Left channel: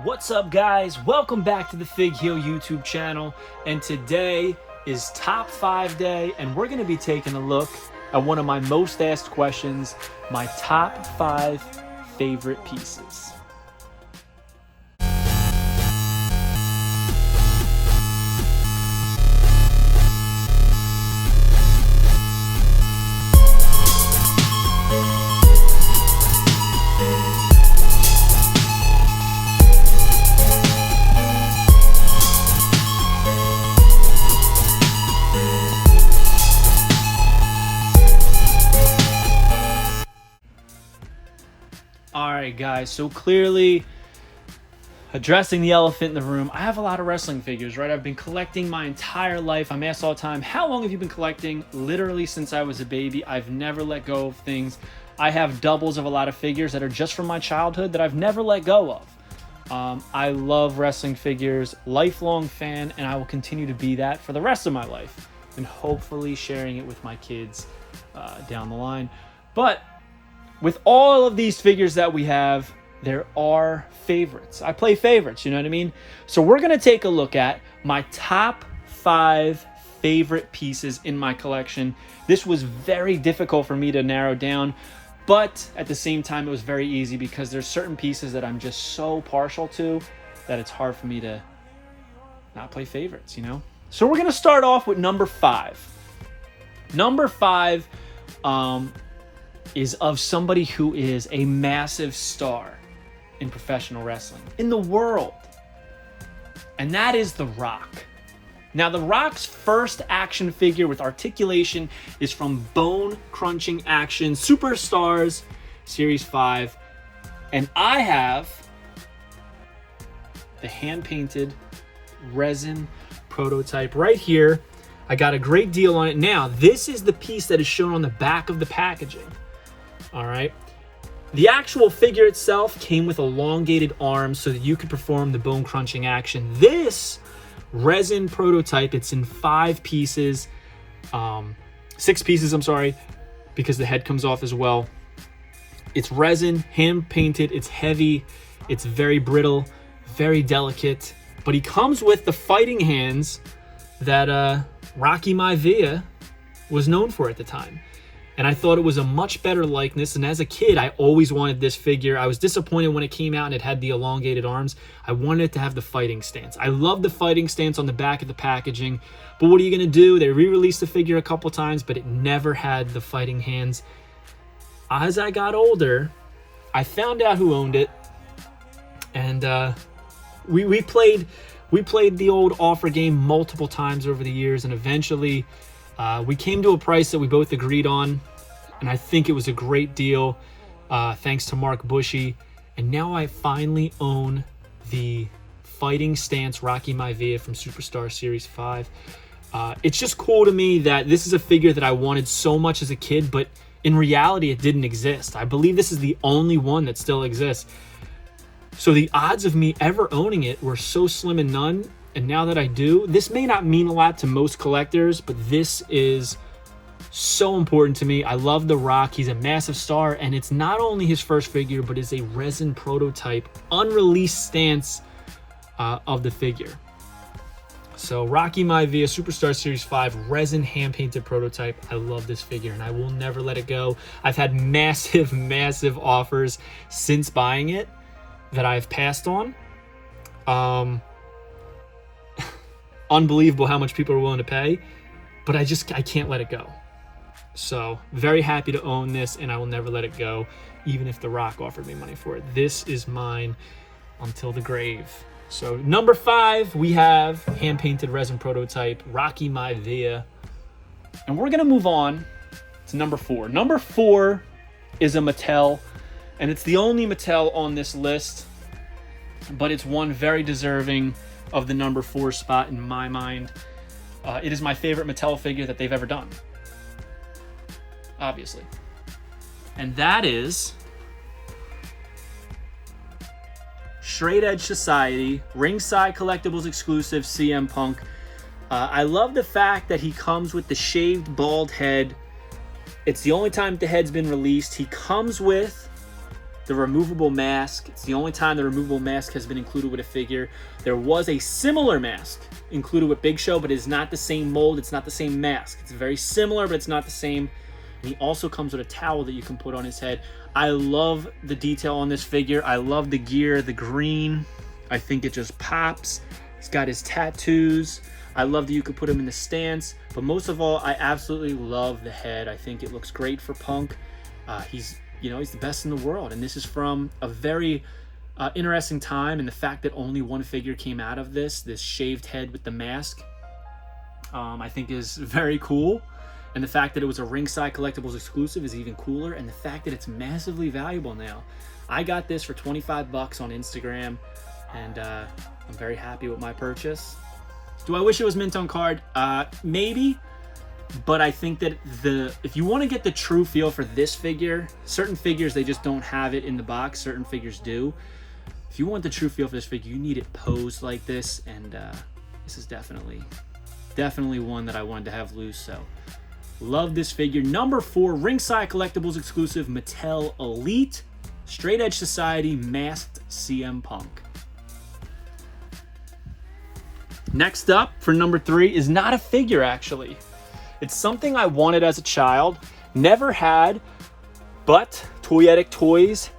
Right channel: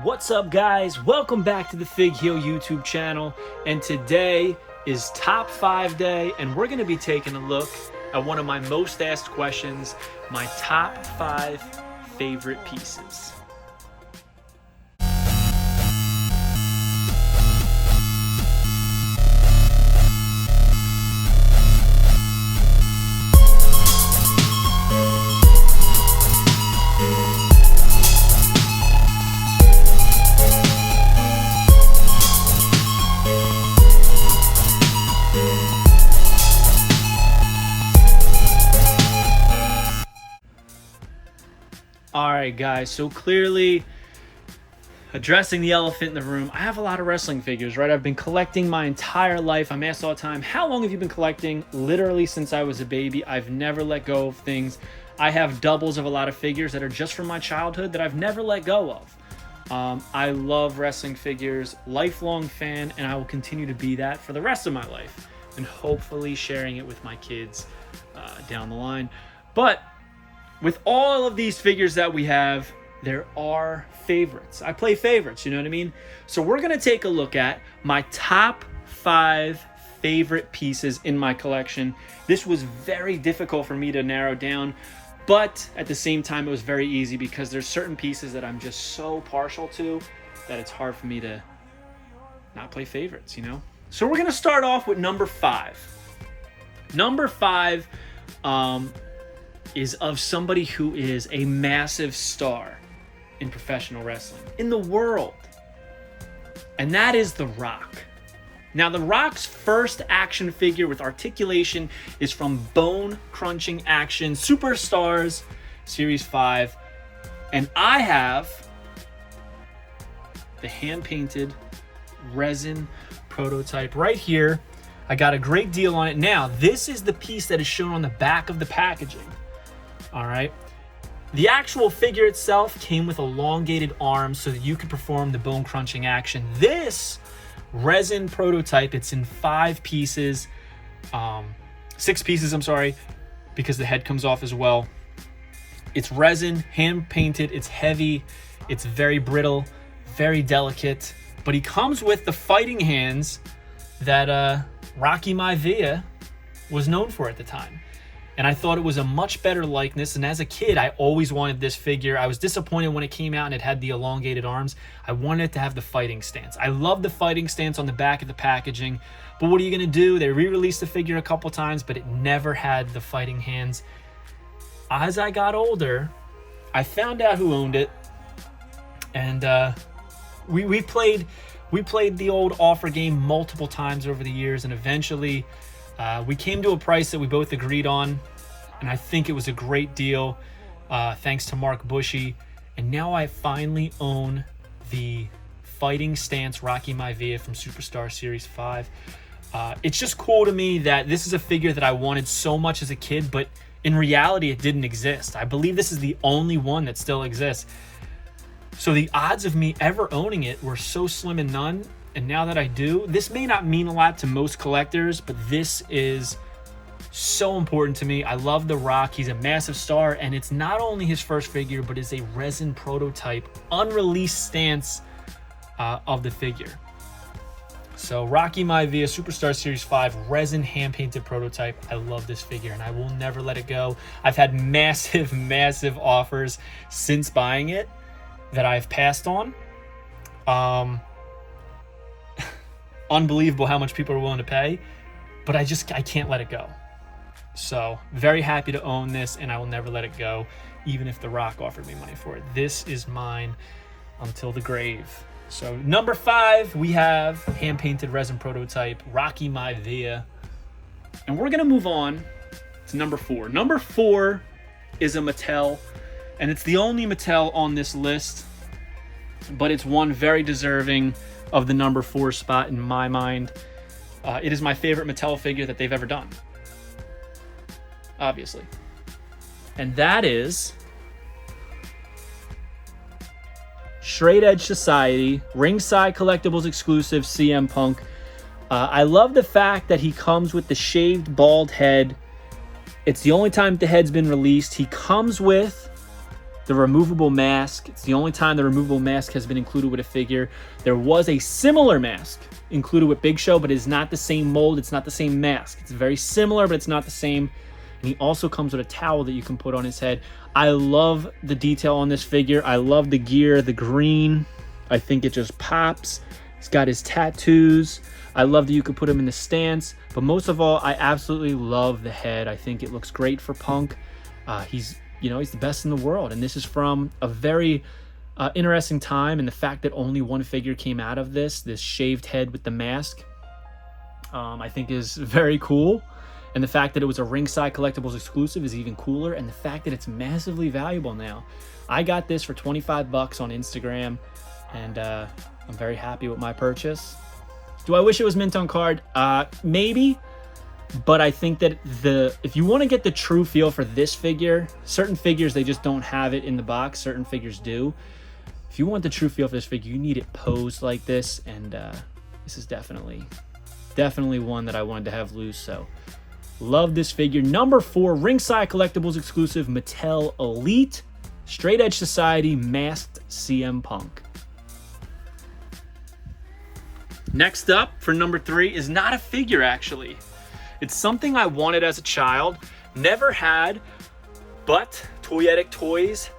What's up, guys? Welcome back to the Fig Heel YouTube channel, and today is Top 5 Day, and we're going to be taking a look at one of my most asked questions, my top 5 favorite pieces. Alright guys, so clearly addressing the elephant in the room, I have a lot of wrestling figures, right? I've been collecting my entire life. I'm asked all the time, how long have you been collecting? Literally since I was a baby. I've never let go of things. I have doubles of a lot of figures that are just from my childhood that I've never let go of. I love wrestling figures, lifelong fan, and I will continue to be that for the rest of my life, and hopefully sharing it with my kids down the line. But with all of these figures that we have, there are favorites. I play favorites, you know what I mean? So we're going to take a look at my top 5 favorite pieces in my collection. This was very difficult for me to narrow down, but at the same time, it was very easy because there's certain pieces that I'm just so partial to that it's hard for me to not play favorites, you know? So we're going to start off with number 5. Number 5, is of somebody who is a massive star in professional wrestling, in the world. And that is The Rock. Now, The Rock's first action figure with articulation is from Bone Crunching Action Superstars Series 5. And I have the hand-painted resin prototype right here. I got a great deal on it. Now, this is the piece that is shown on the back of the packaging. All right. The actual figure itself came with elongated arms so that you could perform the bone crunching action. This resin prototype, it's in 5 pieces, 6 pieces, I'm sorry, because the head comes off as well. It's resin, hand painted, it's heavy, it's very brittle, very delicate, but he comes with the fighting hands that Rocky Maivia was known for at the time. And I thought it was a much better likeness. And as a kid, I always wanted this figure. I was disappointed when it came out and it had the elongated arms. I wanted it to have the fighting stance. I love the fighting stance on the back of the packaging. But what are you going to do? They re-released the figure a couple times, but it never had the fighting hands. As I got older, I found out who owned it. And we played the old offer game multiple times over the years. And eventually we came to a price that we both agreed on, and I think it was a great deal, thanks to Mark Bushy. And now I finally own the fighting stance Rocky Maivia from Superstar Series 5. It's just cool to me that this is a figure that I wanted so much as a kid, but in reality, it didn't exist. I believe this is the only one that still exists. So the odds of me ever owning it were so slim and none. And now that I do, this may not mean a lot to most collectors, but this is so important to me. I love The Rock. He's a massive star, and it's not only his first figure, but is a resin prototype, unreleased stance of the figure. So Rocky Maivia Superstar Series 5 resin hand-painted prototype. I love this figure, and I will never let it go. I've had massive, massive offers since buying it that I've passed on. Unbelievable how much people are willing to pay, but I can't let it go. So very happy to own this, and I will never let it go, even if The Rock offered me money for it. This is mine until the grave. So number 5, we have hand-painted resin prototype Rocky Maivia, and we're gonna move on to number 4. Number 4 is a Mattel, and it's the only Mattel on this list, but it's one very deserving of the number 4 spot in my mind. It is my favorite Mattel figure that they've ever done, obviously. And that is Straight Edge Society, Ringside Collectibles exclusive CM Punk. I love the fact that he comes with the shaved bald head. It's the only time the head's been released. He comes with the removable mask. It's the only time the removable mask has been included with a figure. There was a similar mask included with Big Show, but it's not the same mold. It's not the same mask. It's very similar, but it's not the same. And he also comes with a towel that you can put on his head. I love the detail on this figure. I love the gear, the green. I think it just pops. He's got his tattoos. I love that you could put him in the stance. But most of all, I absolutely love the head. I think it looks great for Punk. He's the best in the world. And this is from a very interesting time. And the fact that only one figure came out of this shaved head with the mask, I think is very cool. And the fact that it was a Ringside Collectibles exclusive is even cooler. And the fact that it's massively valuable now. I got this for $25 on Instagram. And I'm very happy with my purchase. Do I wish it was mint on card? Maybe. But I think that if you want to get the true feel for this figure, certain figures, they just don't have it in the box. Certain figures do. If you want the true feel for this figure, you need it posed like this. And this is definitely one that I wanted to have loose. So love this figure. Number 4, Ringside Collectibles exclusive Mattel Elite Straight Edge Society Masked CM Punk. Next up for number 3 is not a figure, actually. It's something I wanted as a child, never had, but Toyetic Toys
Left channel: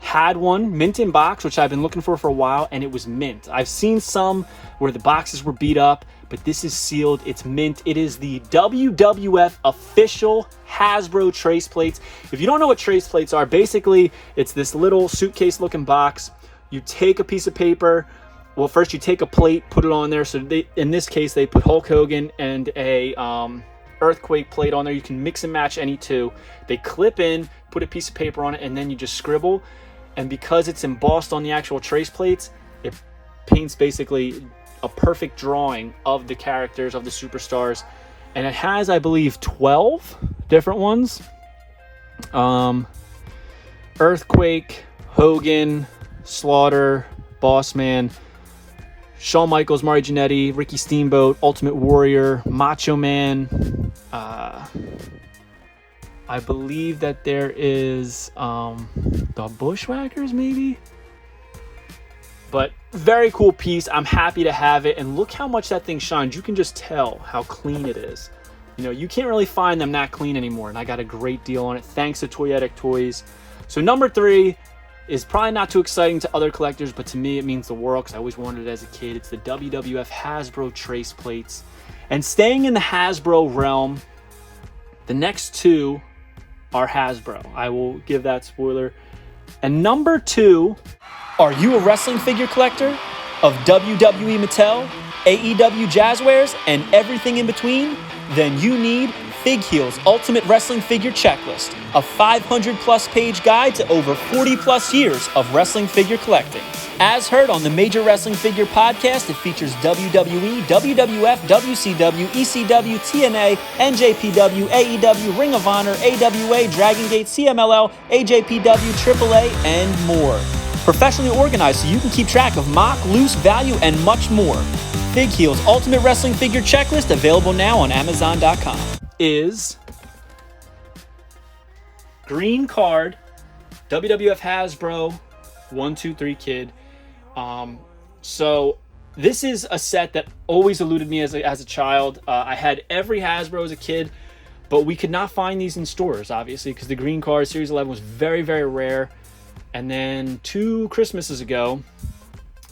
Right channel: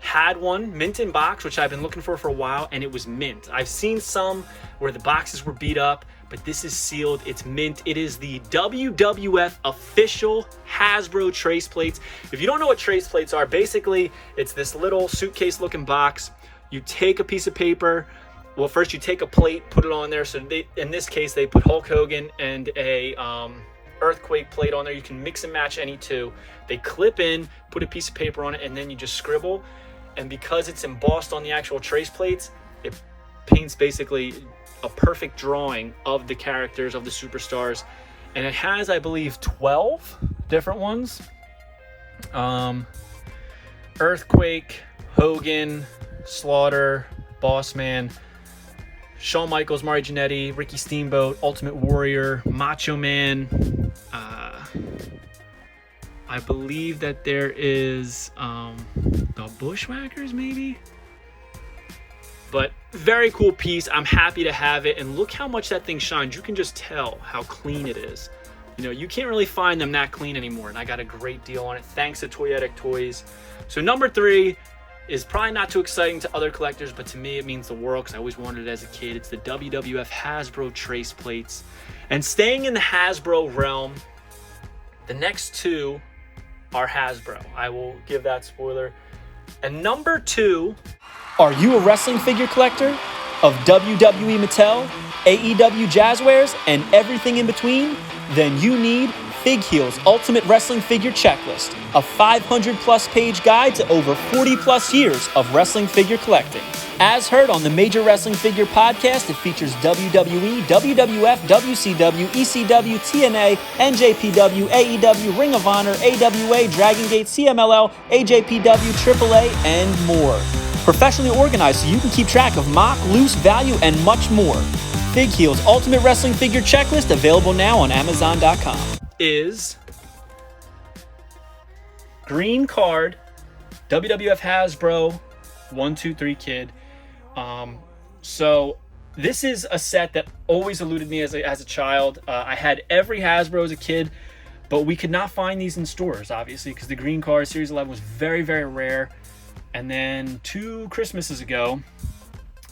had one, mint in box, which I've been looking for a while, and it was mint. I've seen some where the boxes were beat up, but this is sealed, it's mint. It is the WWF official Hasbro trace plates. If you don't know what trace plates are, basically it's this little suitcase looking box. You take a piece of paper. Well, first you take a plate, put it on there. So in this case, they put Hulk Hogan and a earthquake plate on there. You can mix and match any two. They clip in, put a piece of paper on it, and then you just scribble. And because it's embossed on the actual trace plates, it paints basically a perfect drawing of the characters, of the superstars. And it has, I believe, 12 different ones. Earthquake, Hogan, Slaughter, Bossman, Shawn Michaels, Mario Jannetty, Ricky Steamboat, Ultimate Warrior, Macho Man. I believe that there is the Bushwhackers, maybe? But very cool piece. I'm happy to have it. And look how much that thing shines. You can just tell how clean it is. You know, you can't really find them that clean anymore. And I got a great deal on it thanks to Toyetic Toys. So number 3 is probably not too exciting to other collectors, but to me it means the world because I always wanted it as a kid. It's the WWF Hasbro trace plates. And staying in the Hasbro realm, the next 2 are Hasbro. I will give that spoiler. And number 2, are you a wrestling figure collector of WWE Mattel, AEW Jazzwares, and everything in between? Then you need Fig Heel's Ultimate Wrestling Figure Checklist, a 500-plus page guide to over 40-plus years of wrestling figure collecting. As heard on the Major Wrestling Figure podcast, it features WWE, WWF, WCW, ECW, TNA, NJPW, AEW, Ring of Honor, AWA, Dragon Gate, CMLL, AJPW, AAA, and more. Professionally organized so you can keep track of mock, loose, value, and much more. Fig Heel's Ultimate Wrestling Figure Checklist, available now on Amazon.com. Is green card, WWF Hasbro, 1, 2, 3 kid. So this is a set that always eluded me as a child. I had every Hasbro as a kid, but we could not find these in stores, obviously, because the green card Series 11 was very, very rare. And then 2 Christmases ago,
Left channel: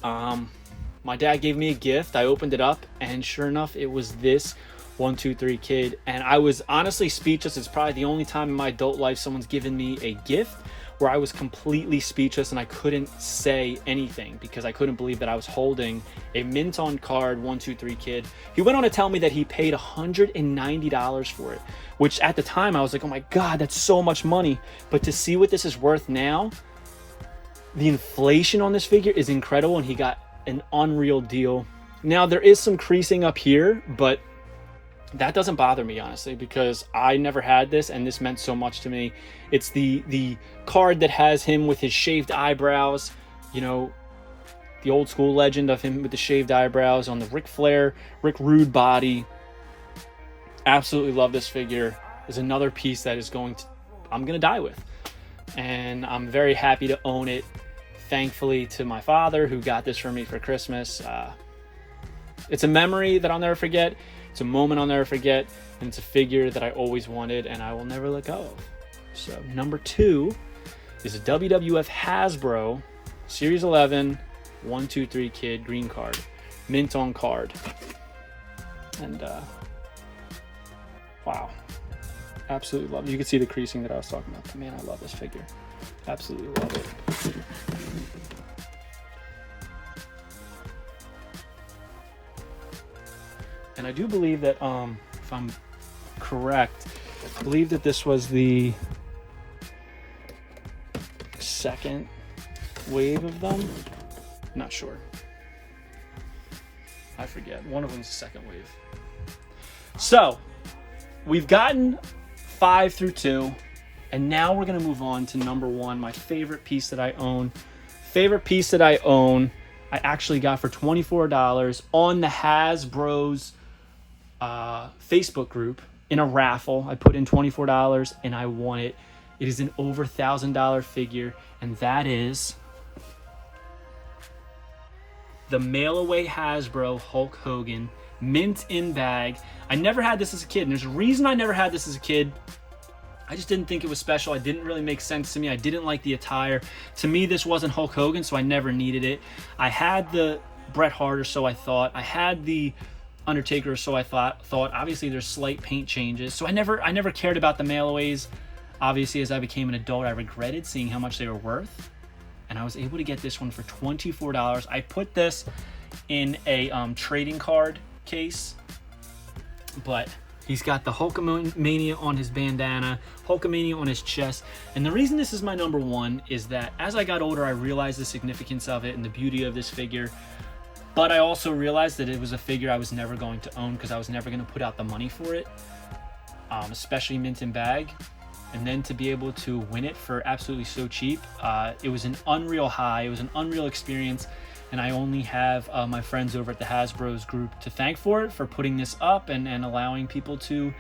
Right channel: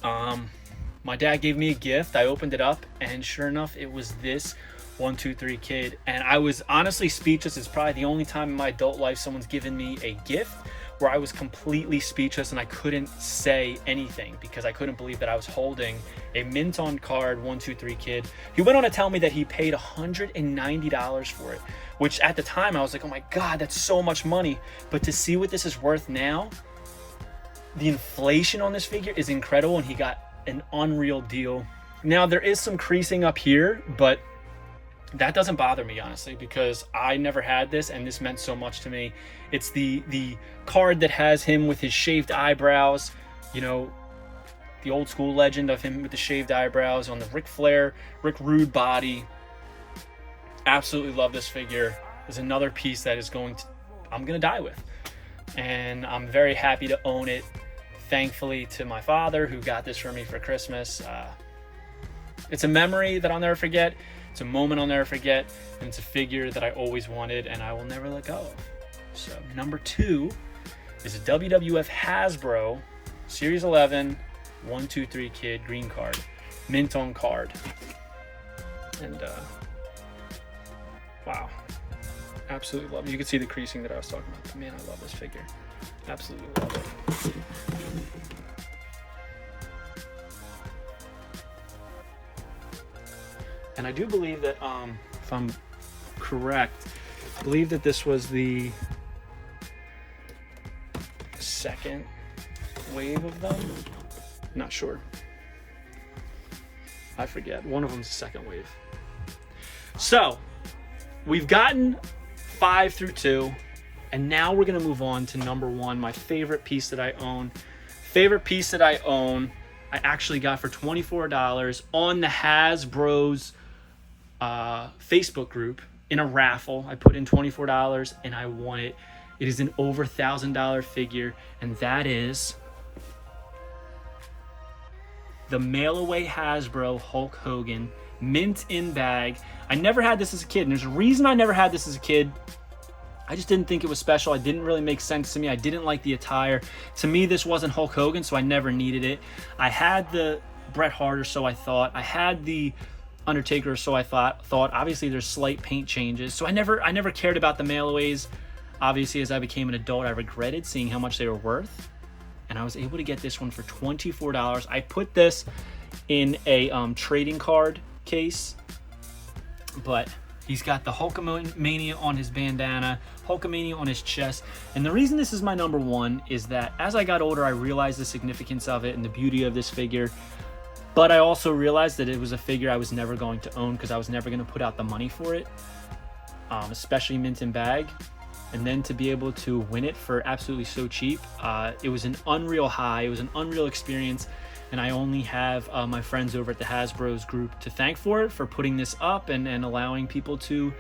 my dad gave me a gift. I opened it up, and sure enough, it was this 1, 2, 3 kid. And I was honestly speechless. It's probably the only time in my adult life someone's given me a gift where I was completely speechless and I couldn't say anything because I couldn't believe that I was holding a mint on card 1, 2, 3 kid. He went on to tell me that he paid $190 for it, which at the time I was like, oh my God, that's so much money. But to see what this is worth now, the inflation on this figure is incredible, and he got an unreal deal. Now there is some creasing up here, but that doesn't bother me, honestly, because I never had this and this meant so much to me. It's the card that has him with his shaved eyebrows, you know, the old school legend of him with the shaved eyebrows on the Ric Flair, Rick Rude body. Absolutely love this figure. Is another piece that is I'm gonna die with. and I'm very happy to own it. Thankfully to my father, who got this for me for Christmas. It's a memory that I'll never forget. It's a moment I'll never forget, and it's a figure that I always wanted and I will never let go of. So number 2 is a WWF Hasbro Series 11 1-2-3 Kid green card, mint on card. And wow, absolutely love it. You can see the creasing that I was talking about. Man, I love this figure. Absolutely love it. And I do believe that, if I'm correct, I believe that this was the second wave of them. Not sure. I forget. One of them's the second wave. So, we've gotten 5 through 2, and now we're going to move on to number 1, my favorite piece that I own. Favorite piece that I own, I actually got for $24 on the Hasbro's Facebook group in a raffle. I put in $24 and I won it. It is an over $1,000 figure, and that is the mail away Hasbro Hulk Hogan mint in bag. I never had this as a kid, and there's a reason I never had this as a kid. I just didn't think it was special. It didn't really make sense to me. I didn't like the attire. To me, this wasn't Hulk Hogan, so I never needed it. I had the Bret Hart, or so I thought. I had the Undertaker, or so I thought. Obviously, there's slight paint changes, so I never cared about the mail-aways. Obviously, as I became an adult, I regretted seeing how much they were worth, and I was able to get this one for $24. I put this in a trading card case, but he's got the Hulkamania on his bandana, Hulkamania on his chest. And the reason this is my number 1 is that as I got older, I realized the significance of it and the beauty of this figure. But I also realized that it was a figure I was never going to own because I was never going to put out the money for it, especially mint in bag. And then to be able to win it for absolutely so cheap, it was an unreal high. It was an unreal experience. And I only have my friends over at the Hasbro's group to thank for it, for putting this up and allowing people to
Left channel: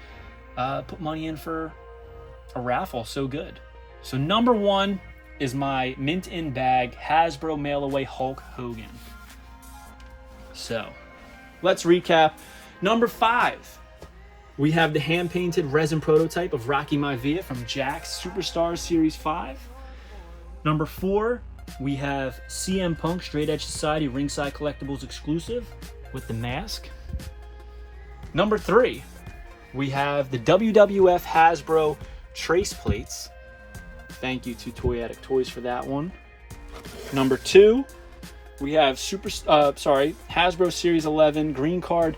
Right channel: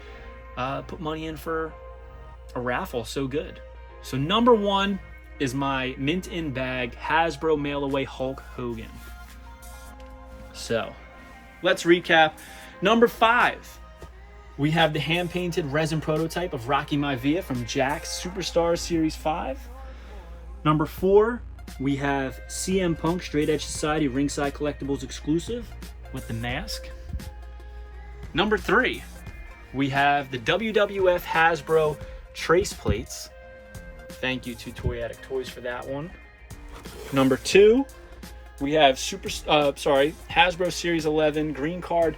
put money in for a raffle. So good. So number 1 is my mint in bag Hasbro mail away Hulk Hogan. So let's recap. Number 5, we have the hand painted resin prototype of Rocky Maivia from Jakks Superstars Series 5. Number 4, we have CM Punk Straight Edge Society Ringside Collectibles exclusive with the mask. Number 3, we have the WWF Hasbro Trace Plates. Thank you to Toy Addict Toys for that one. Number 2, we have Hasbro Series 11 green card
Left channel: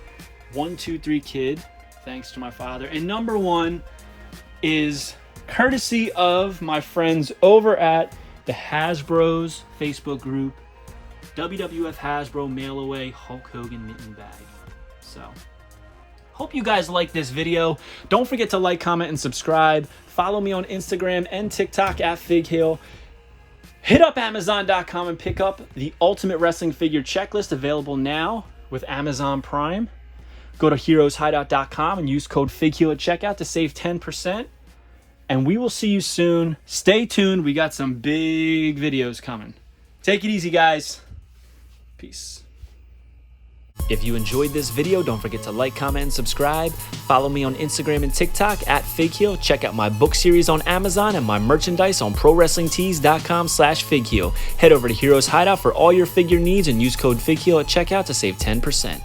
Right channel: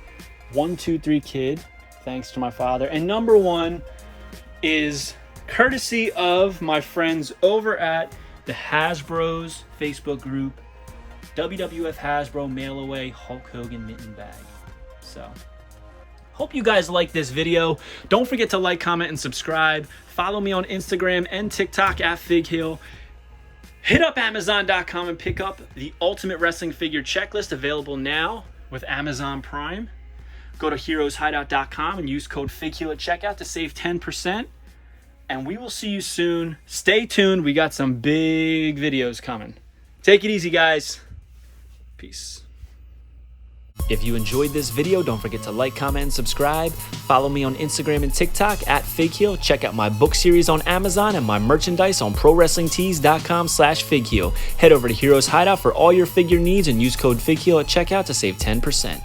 1-2-3 Kid. Thanks to my father. And number 1 is courtesy of my friends over at the Hasbro's Facebook group, WWF Hasbro mail away Hulk Hogan mitten bag. So, hope you guys like this video. Don't forget to like, comment, and subscribe. Follow me on Instagram and TikTok at FigHill. Hit up Amazon.com and pick up the Ultimate Wrestling Figure Checklist, available now with Amazon Prime. Go to HeroesHideout.com and use code FigHill at checkout to save 10%. And we will see you soon. Stay tuned. We got some big videos coming. Take it easy, guys. Peace. If you enjoyed this video, don't forget to like, comment, and subscribe. Follow me on Instagram and TikTok at FigHill. Check out my book series on Amazon and my merchandise on ProWrestlingTees.com/FigHill. Head over to Heroes Hideout for all your figure needs and use code FigHill at checkout to save 10%.